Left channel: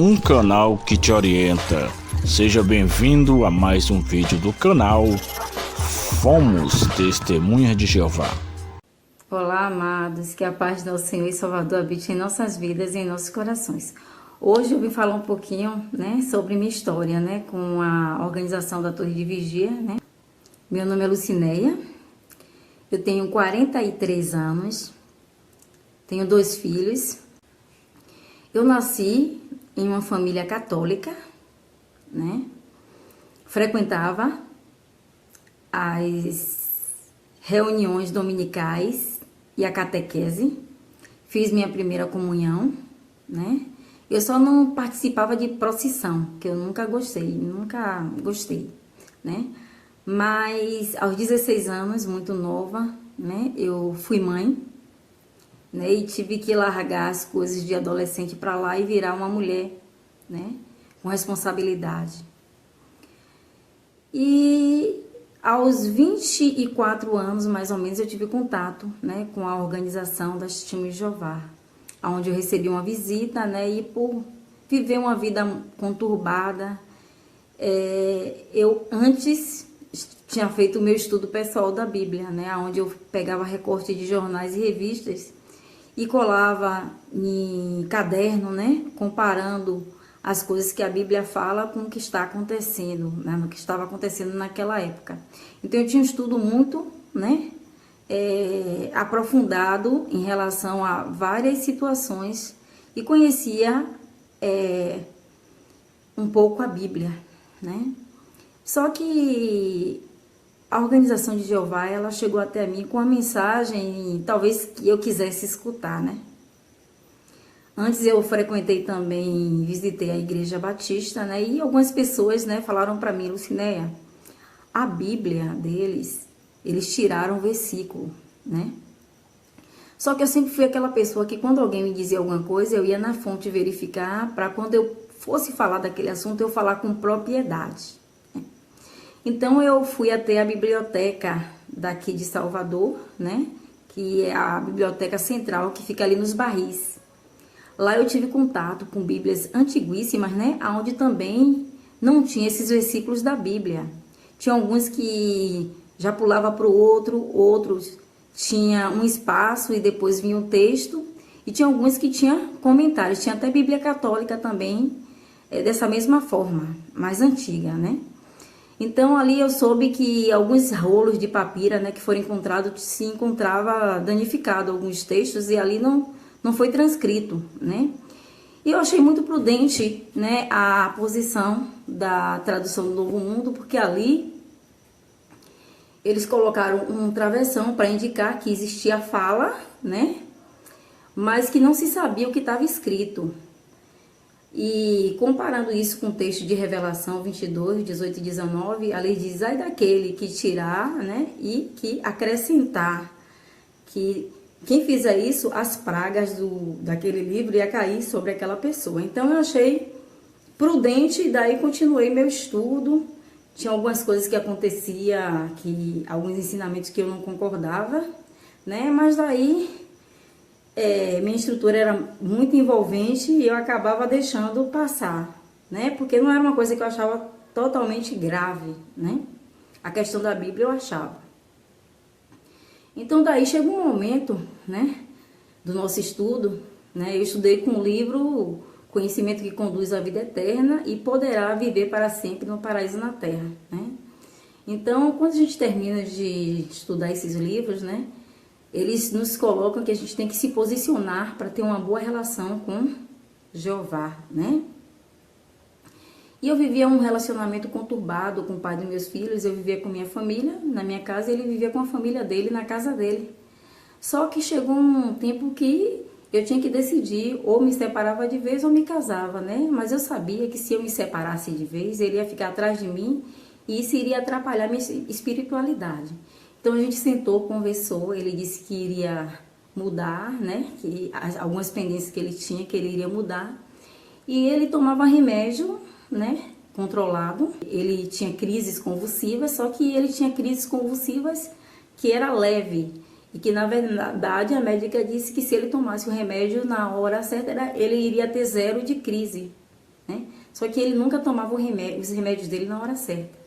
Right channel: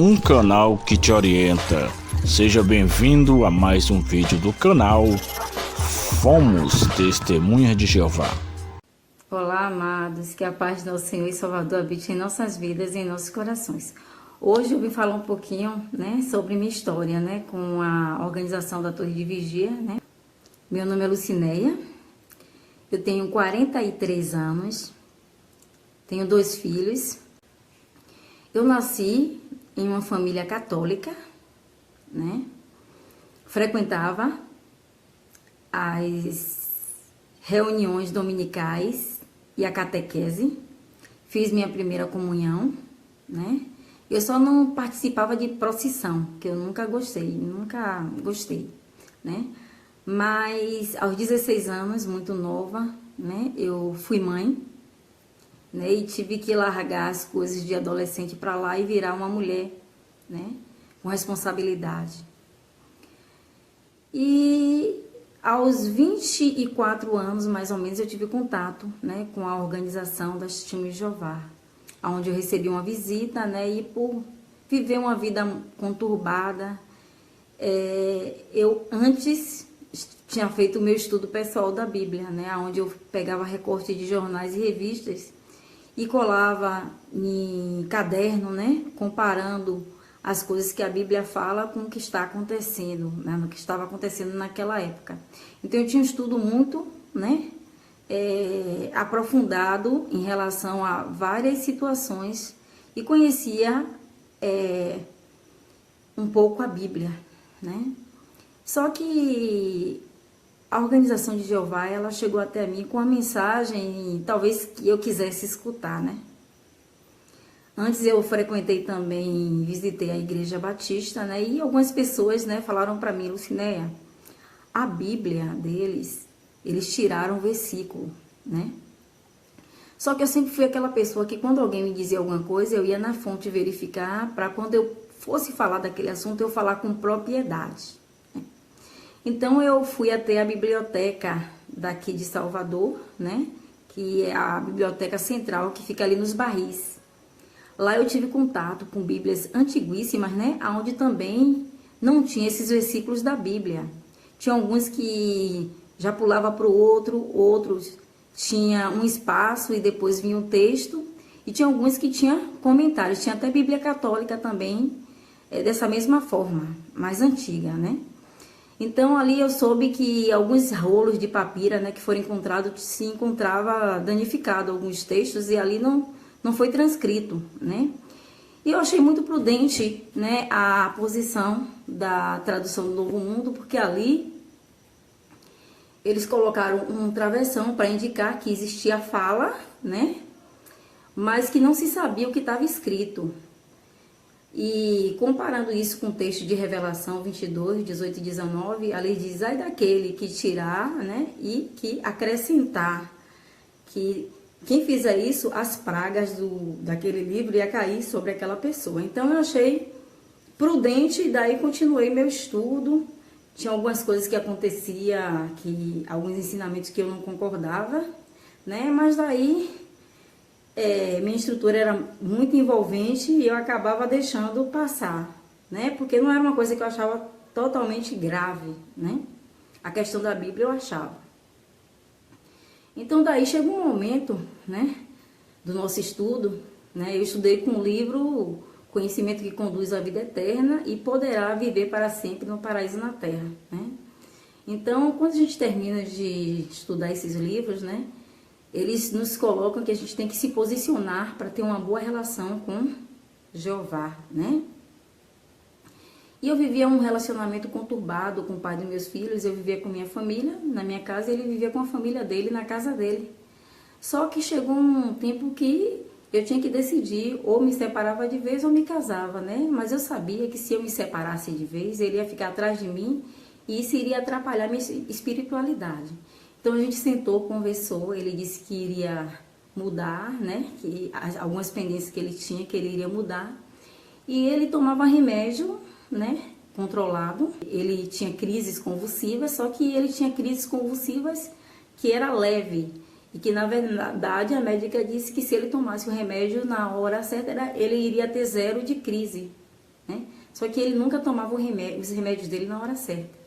um canal que te orienta. Seja bem-vindo a mais um vídeo do canal Fomos Testemunhas de Jeová. Olá, amados, que a paz do Senhor e Salvador habite em nossas vidas e em nossos corações. Hoje eu vim falar um pouquinho, sobre minha história, com a organização da Torre de Vigia, Meu nome é Lucinéia, eu tenho 43 anos, tenho 2 filhos. Eu nasci em uma família católica, Frequentava as reuniões dominicais e a catequese. Fiz minha primeira comunhão, Eu só não participava de procissão, que eu nunca gostei, Mas aos 16 anos, muito nova, eu fui mãe, e tive que largar as coisas de adolescente para lá e virar uma mulher, com responsabilidade. E aos 24 anos, mais ou menos, eu tive contato, com a organização das Testemunhas de Jeová, onde eu recebi uma visita, e por viver uma vida conturbada, eu antes tinha feito o meu estudo pessoal da Bíblia, onde eu pegava recorte de jornais e revistas e colava em caderno, comparando as coisas que a Bíblia fala com o que está acontecendo, no que estava acontecendo naquela época. Então eu tinha um estudo muito, aprofundado em relação a várias situações e conhecia um pouco a Bíblia, Só que a organização de Jeová, ela chegou até mim com uma mensagem, talvez que eu quisesse escutar, Antes eu frequentei também, visitei a Igreja Batista, E algumas pessoas, falaram para mim, Lucinéia, a Bíblia deles, eles tiraram o versículo, Só que eu sempre fui aquela pessoa que quando alguém me dizia alguma coisa, eu ia na fonte verificar, para quando eu fosse falar daquele assunto, eu falar com propriedade. Então eu fui até a biblioteca daqui de Salvador, Que é a biblioteca central, que fica ali nos Barris. Lá eu tive contato com bíblias antiguíssimas, onde também não tinha esses versículos da Bíblia. Tinha alguns que já pulava para o outro, outros tinha um espaço e depois vinha um texto, e tinha alguns que tinha comentários. Tinha até Bíblia católica também, dessa mesma forma, mais antiga, Então ali eu soube que alguns rolos de papira, que foram encontrados, se encontrava danificado alguns textos, e ali não foi transcrito, E eu achei muito prudente, a posição da tradução do Novo Mundo, porque ali eles colocaram um travessão para indicar que existia fala, Mas que não se sabia o que estava escrito. E comparando isso com o texto de Revelação 22, 18 e 19, a lei diz, ai daquele que tirar, e que acrescentar, que quem fizer isso, as pragas daquele livro ia cair sobre aquela pessoa. Então eu achei prudente e daí continuei meu estudo. Tinha algumas coisas que acontecia, alguns ensinamentos que eu não concordava, Mas daí minha instrutora era muito envolvente e eu acabava deixando passar, Porque não era uma coisa que eu achava totalmente grave, A questão da Bíblia eu achava. Então daí chegou um momento, do nosso estudo, Eu estudei com o livro Conhecimento que Conduz à Vida Eterna e Poderá Viver para Sempre no Paraíso na Terra, Então, quando a gente termina de estudar esses livros, eles nos colocam que a gente tem que se posicionar para ter uma boa relação com Jeová, E eu vivia um relacionamento conturbado com o pai dos meus filhos. Eu vivia com minha família na minha casa e ele vivia com a família dele na casa dele. Só que chegou um tempo que eu tinha que decidir, ou me separava de vez ou me casava, Mas eu sabia que se eu me separasse de vez, ele ia ficar atrás de mim e isso iria atrapalhar minha espiritualidade. Então a gente sentou, conversou, ele disse que iria mudar, Que algumas pendências que ele tinha, que ele iria mudar. E ele tomava remédio, controlado. Ele tinha crises convulsivas, só que ele tinha crises convulsivas que era leve. E que, na verdade, a médica disse que se ele tomasse o remédio na hora certa, ele iria ter 0 de crise. né? Só que ele nunca tomava os remédios dele na hora certa.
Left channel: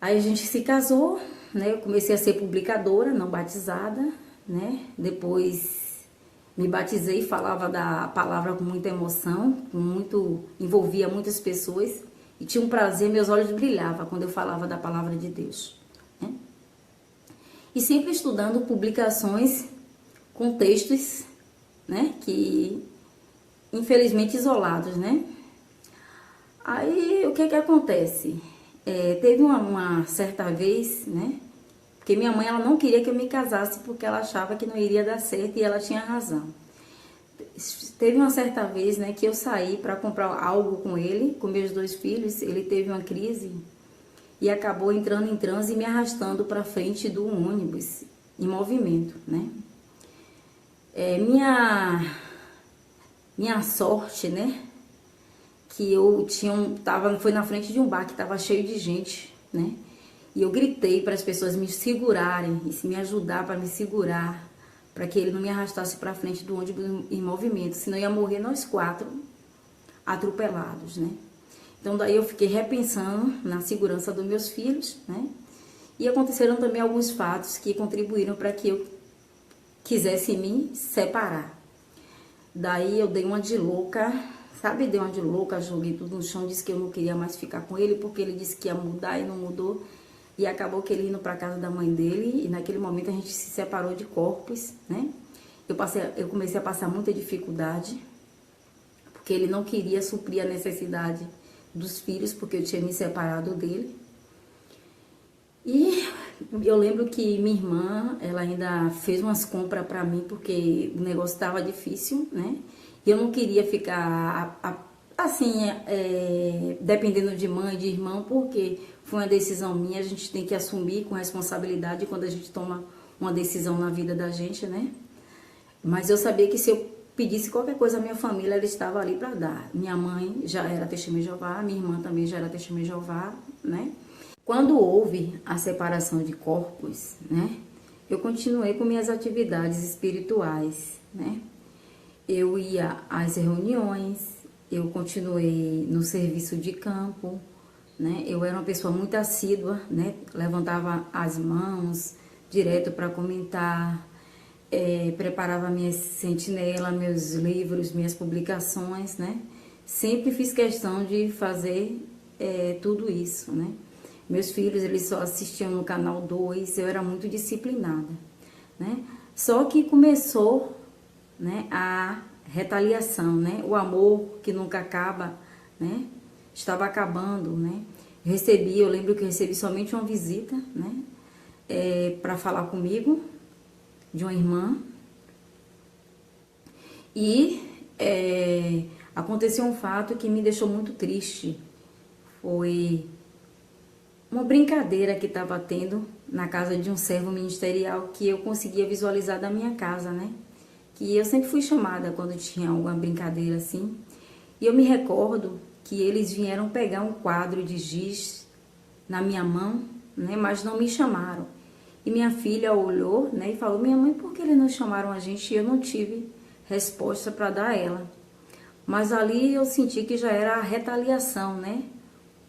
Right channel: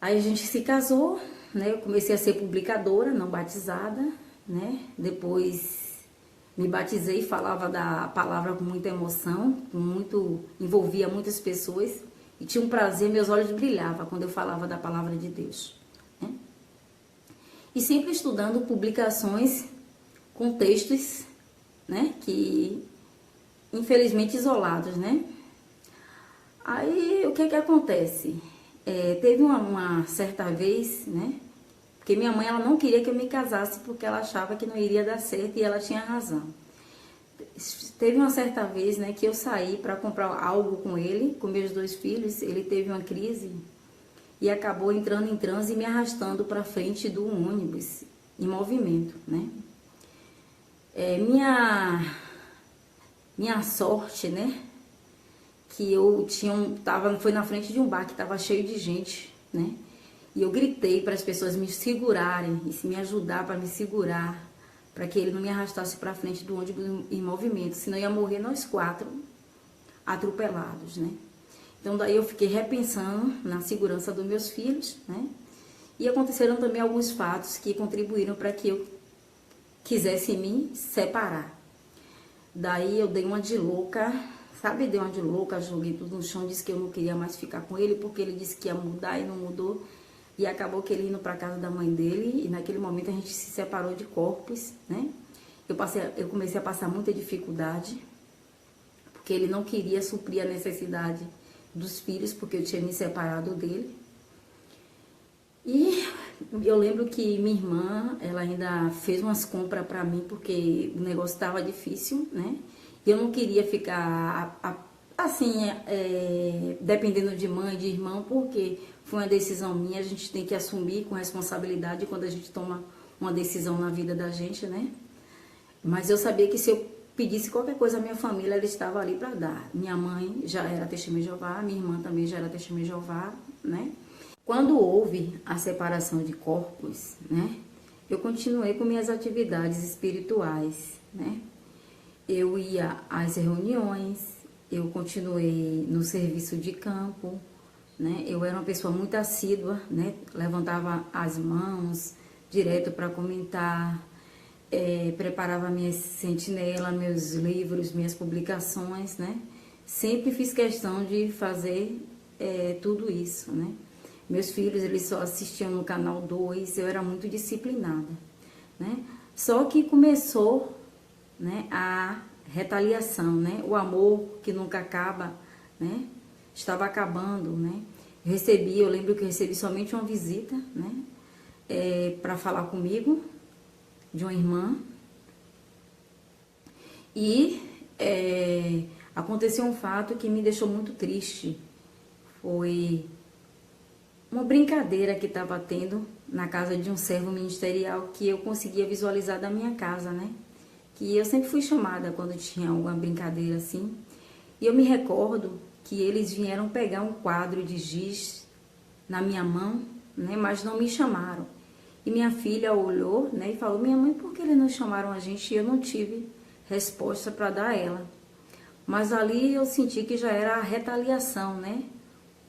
Aí a gente se casou, né? Eu comecei a ser publicadora, não batizada, né? Depois me batizei, falava da palavra com muita emoção, envolvia muitas pessoas e tinha um prazer, meus olhos brilhavam quando eu falava da palavra de Deus, né? E sempre estudando publicações com textos, né? Que infelizmente isolados, né? Aí o que acontece? Teve uma certa vez, né? Porque minha mãe, ela não queria que eu me casasse porque ela achava que não iria dar certo e ela tinha razão. Teve uma certa vez, né, que eu saí para comprar algo com ele, com meus 2 filhos. Ele teve uma crise e acabou entrando em transe e me arrastando para frente do ônibus em movimento, né? Minha sorte, né? Que eu foi na frente de um bar que estava cheio de gente, né? E eu gritei para as pessoas me segurarem, e me ajudar para me segurar, para que ele não me arrastasse para frente do ônibus em movimento, senão ia morrer nós 4 atropelados, né? Então daí eu fiquei repensando na segurança dos meus filhos, né? E aconteceram também alguns fatos que contribuíram para que eu quisesse me separar. Daí eu dei uma de louca, sabe? Dei uma de louca, joguei tudo no chão, disse que eu não queria mais ficar com ele, porque ele disse que ia mudar e não mudou. E acabou que ele indo para casa da mãe dele, e naquele momento a gente se separou de corpos, né? Eu comecei a passar muita dificuldade, porque ele não queria suprir a necessidade dos filhos, porque eu tinha me separado dele. E eu lembro que minha irmã, ela ainda fez umas compras para mim, porque o negócio estava difícil, né? E eu não queria ficar assim, dependendo de mãe, de irmão, porque foi uma decisão minha, a gente tem que assumir com responsabilidade quando a gente toma uma decisão na vida da gente, né? Mas eu sabia que se eu pedisse qualquer coisa à minha família, ela estava ali para dar. Minha mãe já era testemunha de Jeová, minha irmã também já era testemunha de Jeová, né? Quando houve a separação de corpos, né? Eu continuei com minhas atividades espirituais, né? Eu ia às reuniões, eu continuei no serviço de campo, né? Eu era uma pessoa muito assídua, né? Levantava as mãos direto para comentar, preparava minhas sentinelas, meus livros, minhas publicações, né? Sempre fiz questão de fazer tudo isso, né? Meus filhos, eles só assistiam no canal 2, eu era muito disciplinada, né? Só que começou, né, a retaliação, né? O amor que nunca acaba, né? Estava acabando, né? Eu lembro que eu recebi somente uma visita, né? Para falar comigo, de uma irmã. E aconteceu um fato que me deixou muito triste. Foi uma brincadeira que estava tendo na casa de um servo ministerial que eu conseguia visualizar da minha casa, né? Que eu sempre fui chamada quando tinha alguma brincadeira assim. E eu me recordo que eles vieram pegar um quadro de giz na minha mão, né? Mas não me chamaram. E minha filha olhou, né? E falou: minha mãe, por que eles não chamaram a gente? E eu não tive resposta para dar a ela. Mas ali eu senti que já era a retaliação, né?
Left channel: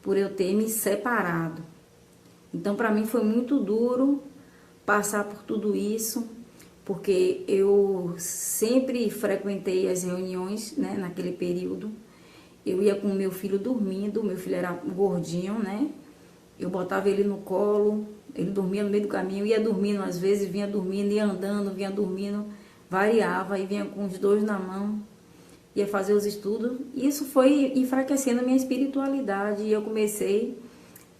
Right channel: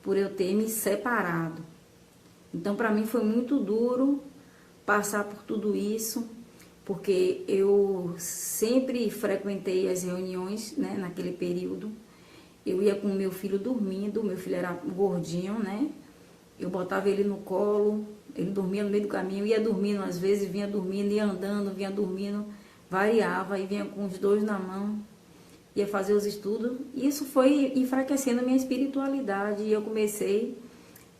Por eu ter me separado. Então, para mim foi muito duro passar por tudo isso, porque eu sempre frequentei as reuniões, né, naquele período. Eu ia com o meu filho dormindo, meu filho era gordinho, né? Eu botava ele no colo, ele dormia no meio do caminho, ia dormindo às vezes, vinha dormindo, ia andando, vinha dormindo, variava e vinha com os 2 na mão, ia fazer os estudos. Isso foi enfraquecendo a minha espiritualidade e eu comecei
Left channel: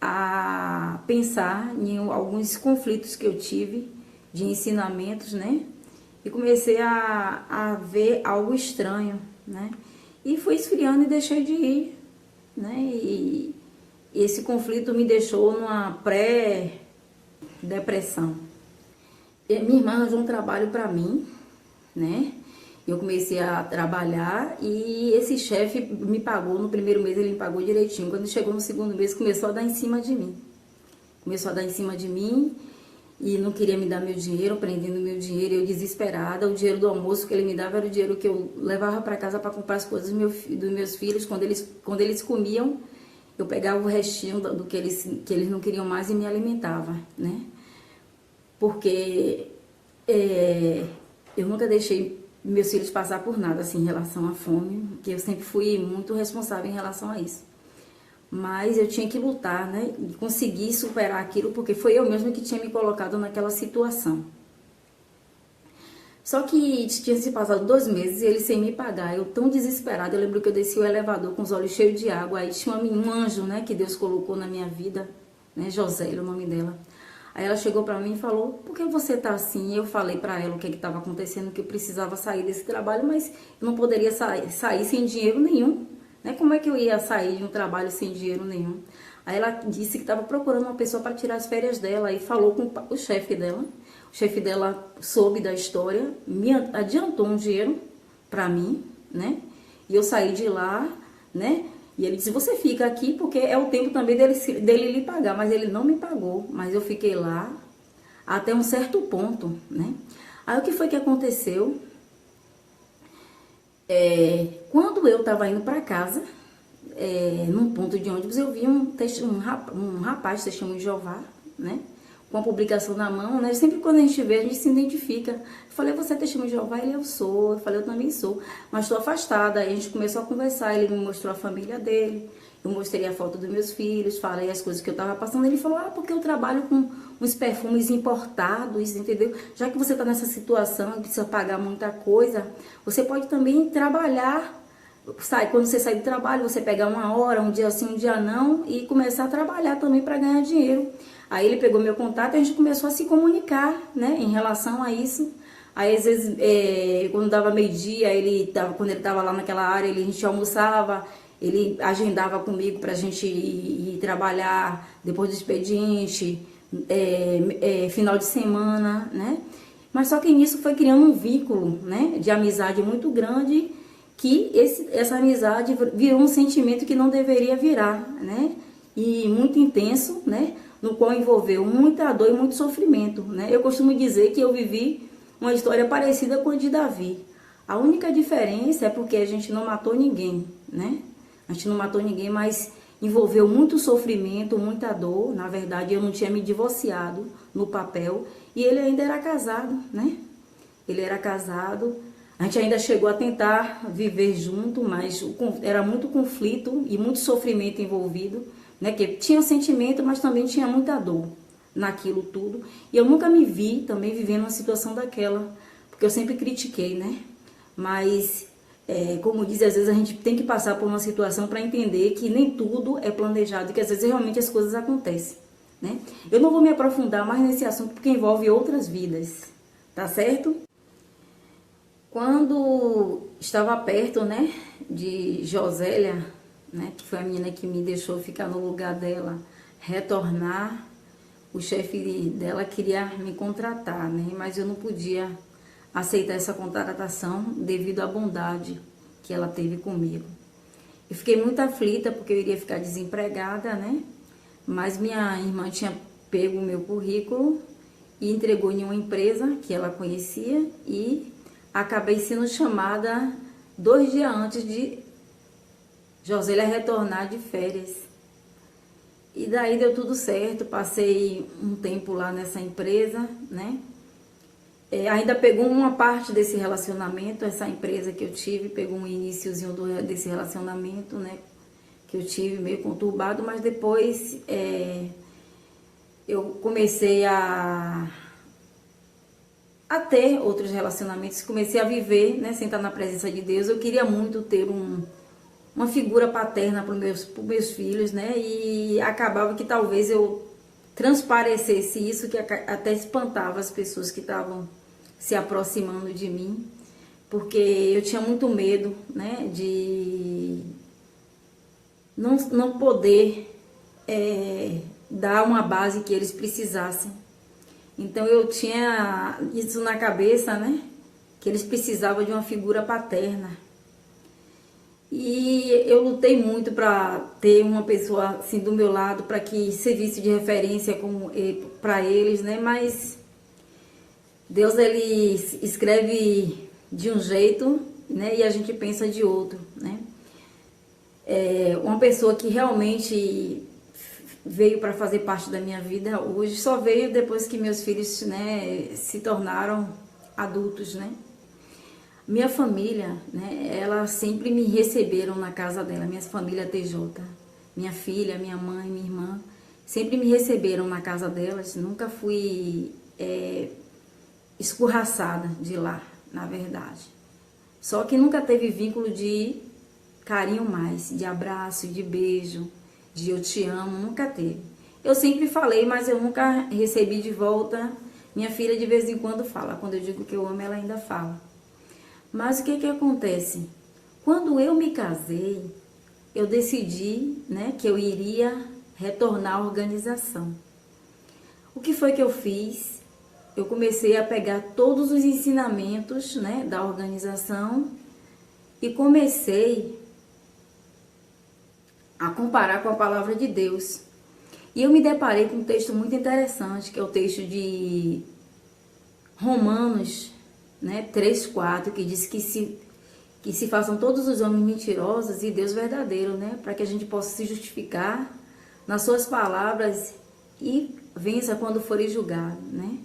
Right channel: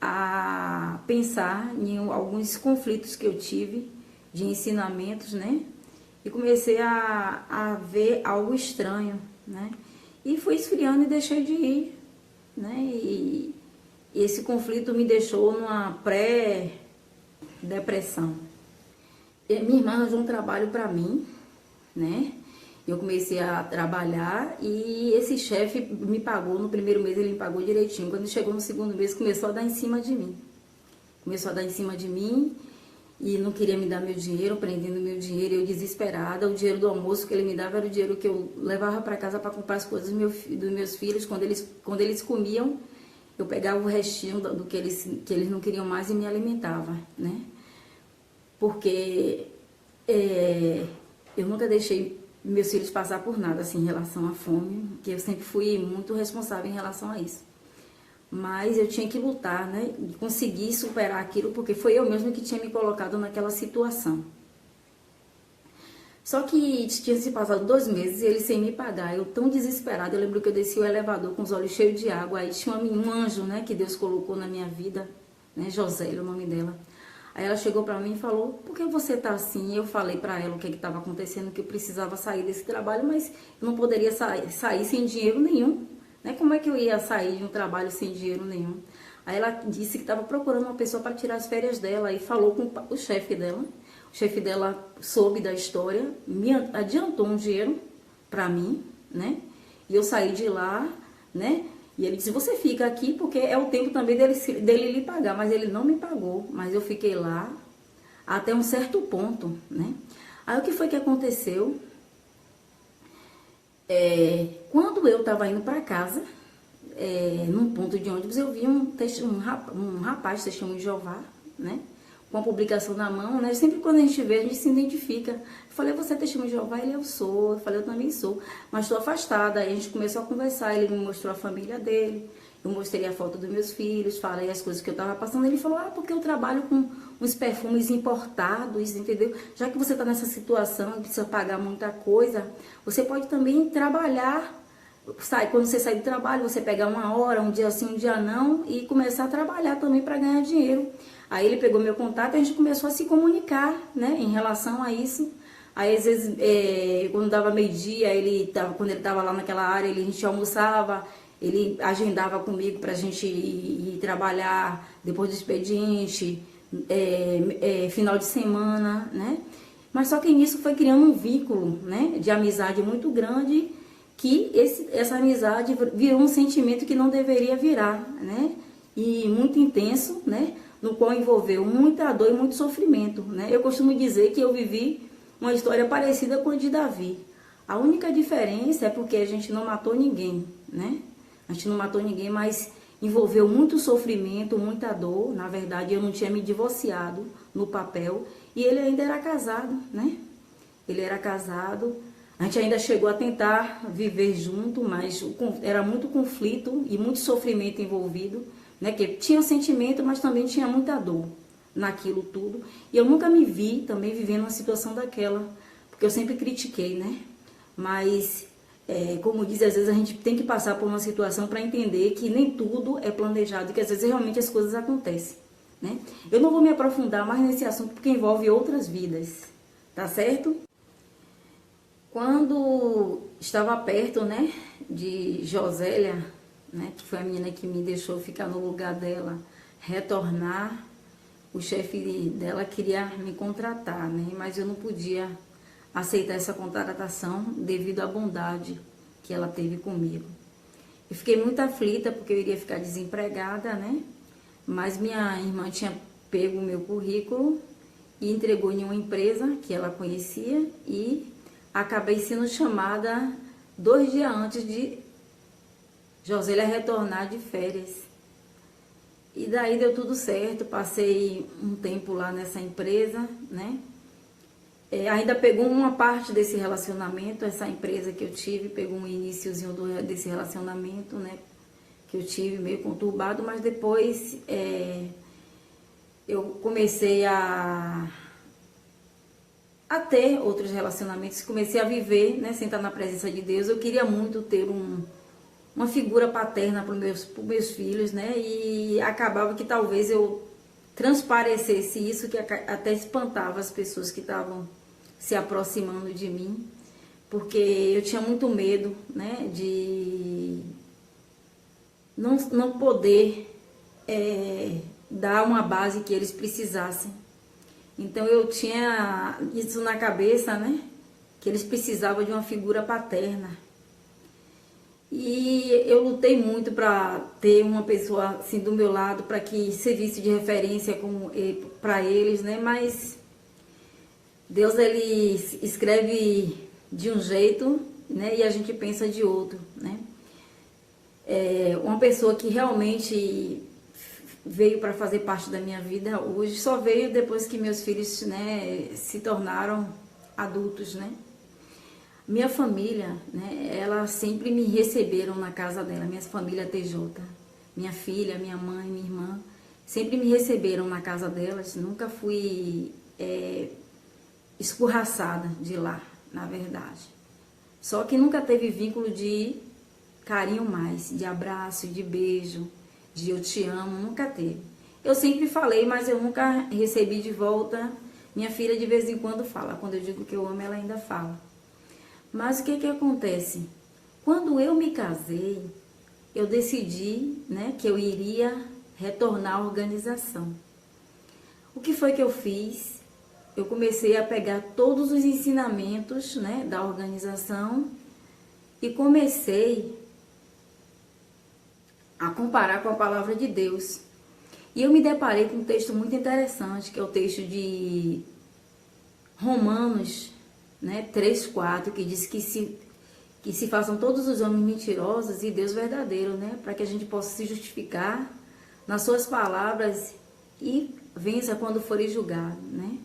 a pensar em alguns conflitos que eu tive de ensinamentos, né? E comecei a ver algo estranho, né? E fui esfriando e deixei de ir, né? E esse conflito me deixou numa pré-depressão. Minha irmã arranjou um trabalho para mim, né? Eu comecei a trabalhar e esse chefe me pagou, no primeiro mês ele me pagou direitinho. Quando chegou no segundo mês, começou a dar em cima de mim. e não queria me dar meu dinheiro, prendendo meu dinheiro, eu desesperada. O dinheiro do almoço que ele me dava era o dinheiro que eu levava para casa para comprar as coisas dos meus filhos. Quando eles comiam, eu pegava o restinho do que eles não queriam mais e me alimentava, né? Porque eu nunca deixei meus filhos passar por nada assim, em relação à fome, porque eu sempre fui muito responsável em relação a isso. Mas eu tinha que lutar, né? E conseguir superar aquilo, porque foi eu mesma que tinha me colocado naquela situação. Só que tinha se passado 2 meses e ele sem me pagar. Eu tão desesperada, eu lembro que eu desci o elevador com os olhos cheios de água. Aí tinha um anjo, né, que Deus colocou na minha vida, né, Josélia, o nome dela. Aí ela chegou pra mim e falou, por que você tá assim? Eu falei pra ela o que estava acontecendo, que eu precisava sair desse trabalho, mas eu não poderia sair sem dinheiro nenhum. Né? Como é que eu ia sair de um trabalho sem dinheiro nenhum? Aí ela disse que estava procurando uma pessoa para tirar as férias dela e falou com o chefe dela. O chefe dela soube da história, me adiantou um dinheiro para mim, né? E eu saí de lá, né? E ele disse, você fica aqui porque é o tempo também dele lhe pagar. Mas ele não me pagou, mas eu fiquei lá até um certo ponto, né? Aí o que foi que aconteceu? Quando eu estava indo para casa, num ponto de ônibus, eu vi um rapaz, testemunho de Jeová, né? Com a publicação na mão, né? Sempre quando a gente vê, a gente se identifica. Eu falei, você é testemunho de Jeová? Ele, eu sou. Eu falei, eu também sou. Mas estou afastada. Aí a gente começou a conversar, ele me mostrou a família dele. Eu mostrei a foto dos meus filhos, falei as coisas que eu estava passando. Ele falou, porque eu trabalho com uns perfumes importados, entendeu? Já que você está nessa situação e precisa pagar muita coisa, você pode também trabalhar. Quando você sai do trabalho, você pegar uma hora, um dia sim, um dia não, e começar a trabalhar também para ganhar dinheiro. Aí ele pegou meu contato e a gente começou a se comunicar, né, em relação a isso. Aí às vezes, quando dava meio-dia, quando ele estava lá naquela área, a gente almoçava, ele agendava comigo para a gente ir trabalhar depois do expediente, final de semana, né? Mas só que nisso foi criando um vínculo, né, de amizade muito grande, que essa amizade virou um sentimento que não deveria virar, né? E muito intenso, né? No qual envolveu muita dor e muito sofrimento, né? Eu costumo dizer que eu vivi uma história parecida com a de Davi. A única diferença é porque a gente não matou ninguém, né? A gente não matou ninguém, mas envolveu muito sofrimento, muita dor. Na verdade, eu não tinha me divorciado no papel e ele ainda era casado, né? Ele era casado. A gente ainda chegou a tentar viver junto, mas era muito conflito e muito sofrimento envolvido, né? Que tinha sentimento, mas também tinha muita dor naquilo tudo. E eu nunca me vi também vivendo uma situação daquela, porque eu sempre critiquei, né? Mas, como diz, às vezes a gente tem que passar por uma situação para entender que nem tudo é planejado, que às vezes realmente as coisas acontecem, né? Eu não vou me aprofundar mais nesse assunto porque envolve outras vidas, tá certo? Quando estava perto, né, de Josélia, né, que foi a menina que me deixou ficar no lugar dela, retornar, o chefe dela queria me contratar, né, mas eu não podia aceitar essa contratação devido à bondade que ela teve comigo. Eu fiquei muito aflita porque eu iria ficar desempregada, né, mas minha irmã tinha pego o meu currículo e entregou em uma empresa que ela conhecia e acabei sendo chamada 2 dias antes de Josélia retornar de férias. E daí deu tudo certo, passei um tempo lá nessa empresa, né? Ainda pegou uma parte desse relacionamento, essa empresa que eu tive, pegou um iniciozinho desse relacionamento, né? Que eu tive meio conturbado, mas depois eu comecei a ter outros relacionamentos, comecei a viver, né, sem estar na presença de Deus. Eu queria muito ter uma figura paterna para os meus filhos, né, e acabava que talvez eu transparecesse isso, que até espantava as pessoas que estavam se aproximando de mim, porque eu tinha muito medo, né, de não poder dar uma base que eles precisassem. Então eu tinha isso na cabeça, né? Que eles precisavam de uma figura paterna. E eu lutei muito para ter uma pessoa assim do meu lado, para que servisse de referência para eles, né? Mas Deus, ele escreve de um jeito, né? E a gente pensa de outro, né? Uma pessoa que realmente veio para fazer parte da minha vida hoje, só veio depois que meus filhos, né, se tornaram adultos, né? Minha família, né, ela sempre me receberam na casa dela, minha família TJ, minha filha, minha mãe, minha irmã, sempre me receberam na casa delas, nunca fui escorraçada de lá, na verdade. Só que nunca teve vínculo de carinho mais, de abraço, de beijo, de eu te amo, nunca teve. Eu sempre falei, mas eu nunca recebi de volta. Minha filha de vez em quando fala, quando eu digo que eu amo, ela ainda fala. Mas o que acontece? Quando eu me casei, eu decidi, né, que eu iria retornar à organização. O que foi que eu fiz? Eu comecei a pegar todos os ensinamentos, né, da organização e comecei a comparar com a palavra de Deus. E eu me deparei com um texto muito interessante, que é o texto de Romanos, né, 3:4, que diz que se façam todos os homens mentirosos e Deus verdadeiro, né, para que a gente possa se justificar nas suas palavras e vença quando for julgado, né.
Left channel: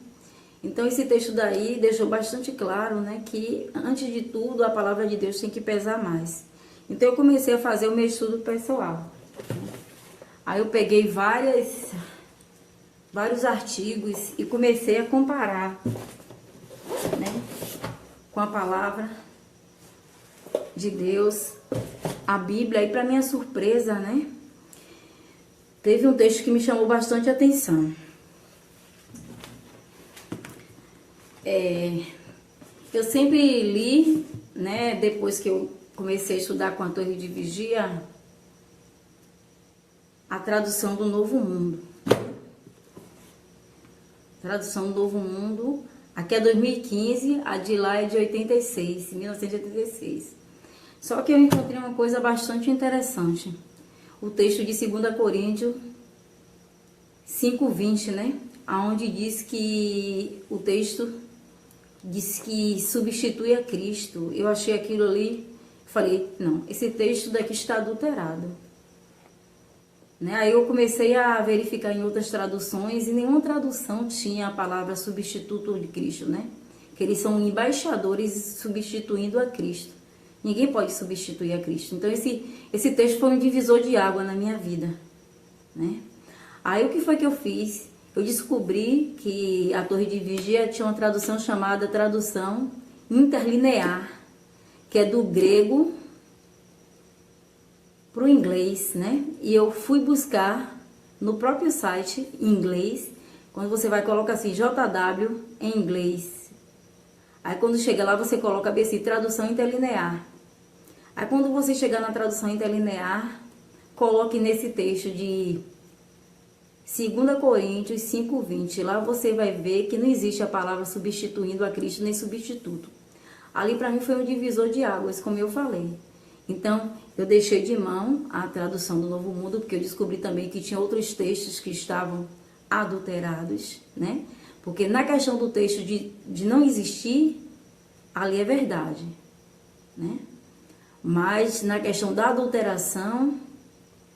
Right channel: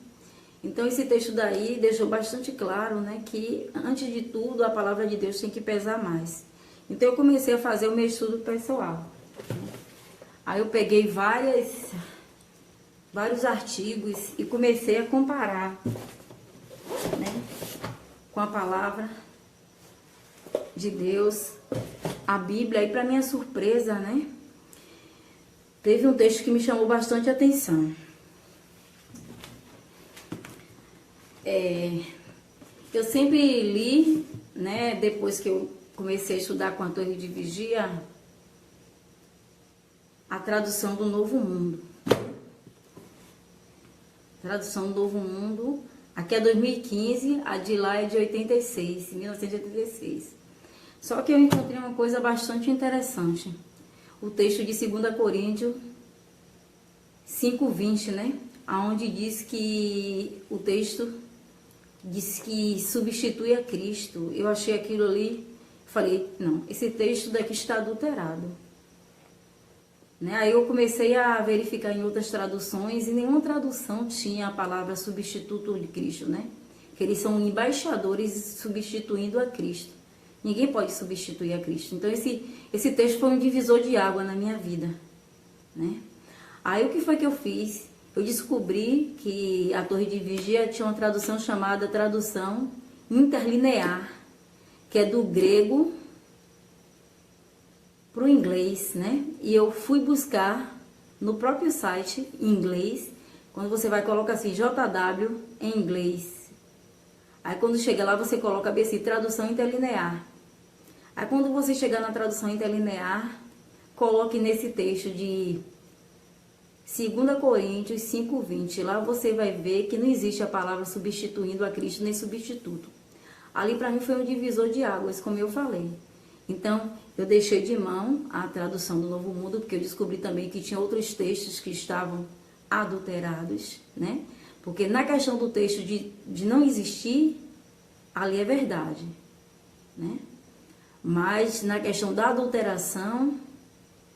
Então esse texto daí deixou bastante claro, né, que antes de tudo a palavra de Deus tem que pesar mais. Então eu comecei a fazer o meu estudo pessoal. Aí eu peguei vários artigos e comecei a comparar, né, com a palavra de Deus, a Bíblia. E para minha surpresa, né, teve um texto que me chamou bastante atenção. Eu sempre li, né, depois que eu comecei a estudar com a Torre de Vigia, a tradução do Novo Mundo. Tradução do Novo Mundo, aqui é 2015, a de lá é de 1986. Só que eu encontrei uma coisa bastante interessante. O texto de 2 Coríntios 5:20, né? Onde diz que o texto diz que substitui a Cristo. Eu achei aquilo ali, falei, não, esse texto daqui está adulterado. Né? Aí eu comecei a verificar em outras traduções e nenhuma tradução tinha a palavra substituto de Cristo, né? Que eles são embaixadores substituindo a Cristo. Ninguém pode substituir a Cristo. Então esse texto foi um divisor de água na minha vida, né? Aí o que foi que eu fiz? Eu descobri que a Torre de Vigia tinha uma tradução chamada tradução interlinear, que é do grego para o inglês, né? E eu fui buscar no próprio site em inglês, quando você vai colocar assim, JW em inglês. Aí quando chega lá, você coloca bem assim, tradução interlinear. Aí quando você chegar na tradução interlinear, coloque nesse texto de 2 Coríntios 5:20. Lá você vai ver que não existe a palavra substituindo a Cristo, nem substituto. Ali para mim foi um divisor de águas, como eu falei. Então, eu deixei de mão a tradução do Novo Mundo, porque eu descobri também que tinha outros textos que estavam adulterados, né? Porque na questão do texto de não existir, ali é verdade, né? Mas na questão da adulteração,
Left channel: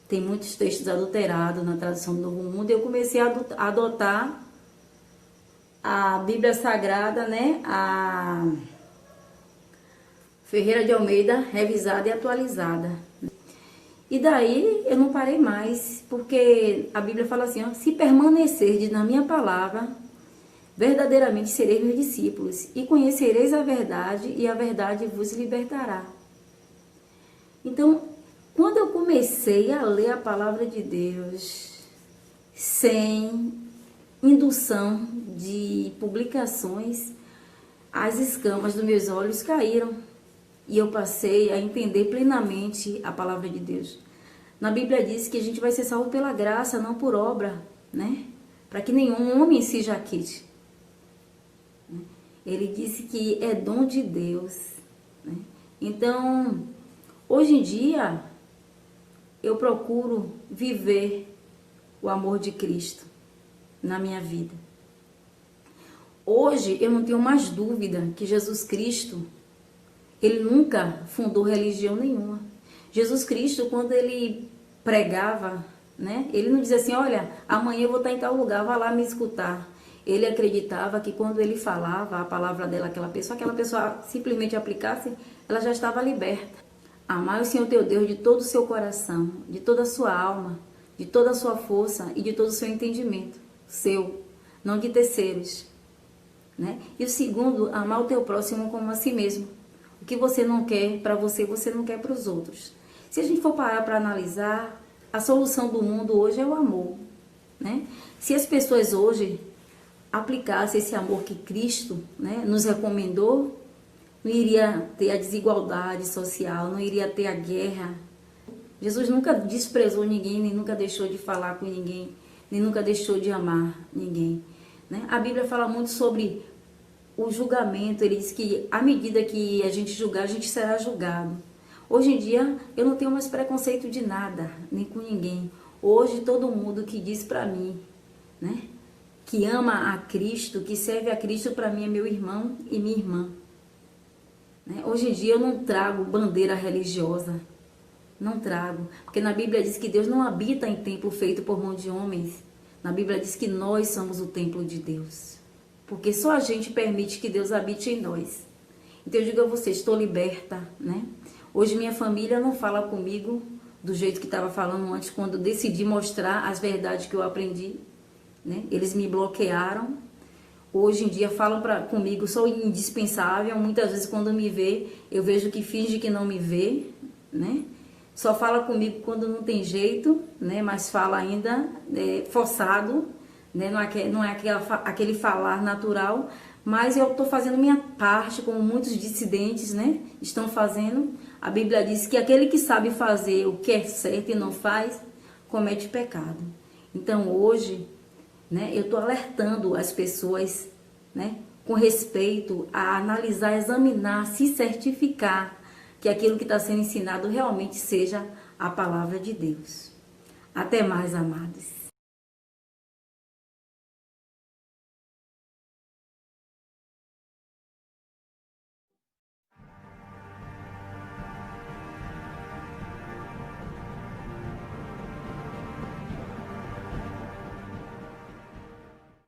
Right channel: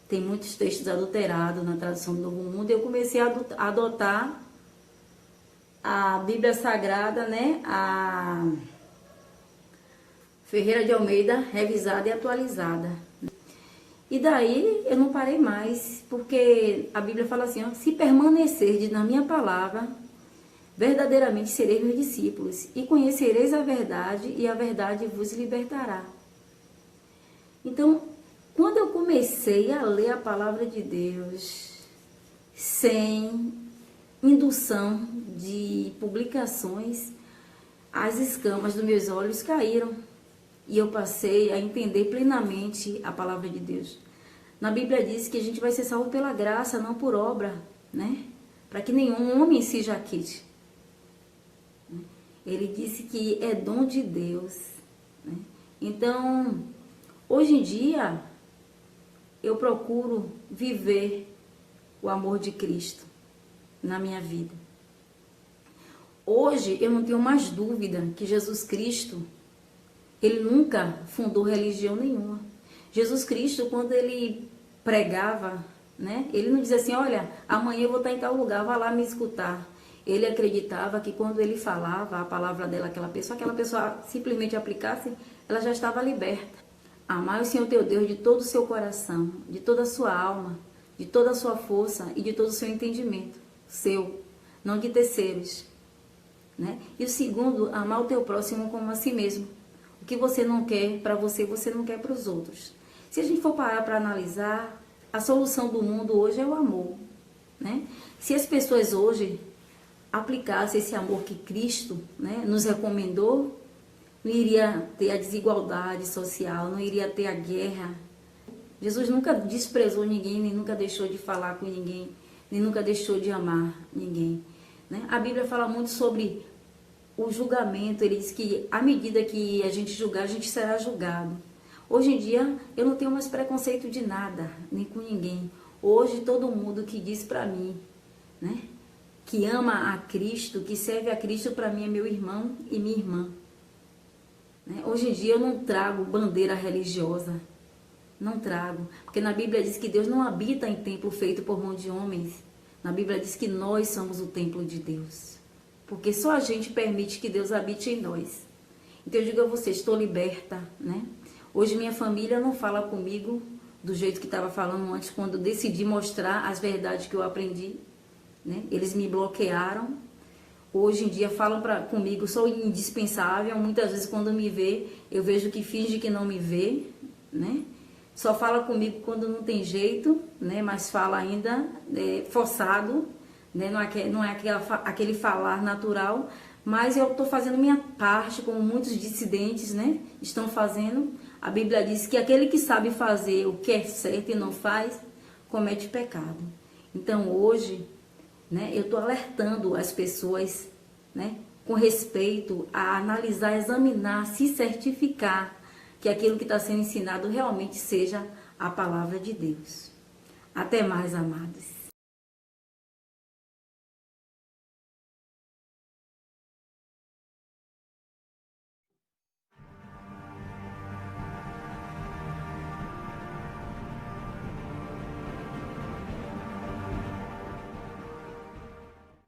tem muitos textos adulterados na tradução do Novo Mundo, e eu comecei a adotar a Bíblia Sagrada, né? A Ferreira de Almeida, revisada e atualizada. E daí eu não parei mais, porque a Bíblia fala assim, ó, se permanecerdes na minha palavra, verdadeiramente sereis meus discípulos, e conhecereis a verdade, e a verdade vos libertará. Então, quando eu comecei a ler a palavra de Deus, sem indução de publicações, as escamas dos meus olhos caíram. E eu passei a entender plenamente a palavra de Deus. Na Bíblia diz que a gente vai ser salvo pela graça, não por obra, né? Para que nenhum homem se jaquete. Ele disse que é dom de Deus, né? Então, hoje em dia, eu procuro viver o amor de Cristo na minha vida. Hoje eu não tenho mais dúvida que Jesus Cristo, ele nunca fundou religião nenhuma. Jesus Cristo, quando ele pregava, né, ele não dizia assim, olha, amanhã eu vou estar em tal lugar, vá lá me escutar. Ele acreditava que quando ele falava a palavra dela, aquela pessoa simplesmente aplicasse, ela já estava liberta. Amar o Senhor teu Deus de todo o seu coração, de toda a sua alma, de toda a sua força e de todo o seu entendimento. Seu, não de terceiros. Né? E o segundo, amar o teu próximo como a si mesmo. O que você não quer para você, você não quer para os outros. Se a gente for parar para analisar, a solução do mundo hoje é o amor. Né? Se as pessoas hoje aplicassem esse amor que Cristo, né, nos recomendou, não iria ter a desigualdade social, não iria ter a guerra. Jesus nunca desprezou ninguém, nem nunca deixou de falar com ninguém, nem nunca deixou de amar ninguém. Né? A Bíblia fala muito sobre o julgamento, ele diz que à medida que a gente julgar, a gente será julgado. Hoje em dia, eu não tenho mais preconceito de nada, nem com ninguém. Hoje, todo mundo que diz para mim, né, que ama a Cristo, que serve a Cristo, para mim é meu irmão e minha irmã. Né? Hoje em dia, eu não trago bandeira religiosa, não trago. Porque na Bíblia diz que Deus não habita em templo feito por mão de homens. Na Bíblia diz que nós somos o templo de Deus. Porque só a gente permite que Deus habite em nós. Então eu digo a você, estou liberta, né? Hoje minha família não fala comigo do jeito que estava falando antes, quando eu decidi mostrar as verdades que eu aprendi, né? Eles me bloquearam. Hoje em dia falam comigo, sou indispensável. Muitas vezes quando me vê, eu vejo que finge que não me vê, né? Só fala comigo quando não tem jeito, né? Mas fala ainda forçado, né? Não é aquele falar natural, mas eu estou fazendo minha parte, como muitos dissidentes, né, estão fazendo. A Bíblia diz que aquele que sabe fazer o que é certo e não faz, comete pecado. Então hoje, né, eu estou alertando as pessoas, né, com respeito a analisar, examinar, se certificar que aquilo que está sendo ensinado realmente seja a palavra de Deus. Até mais, amados.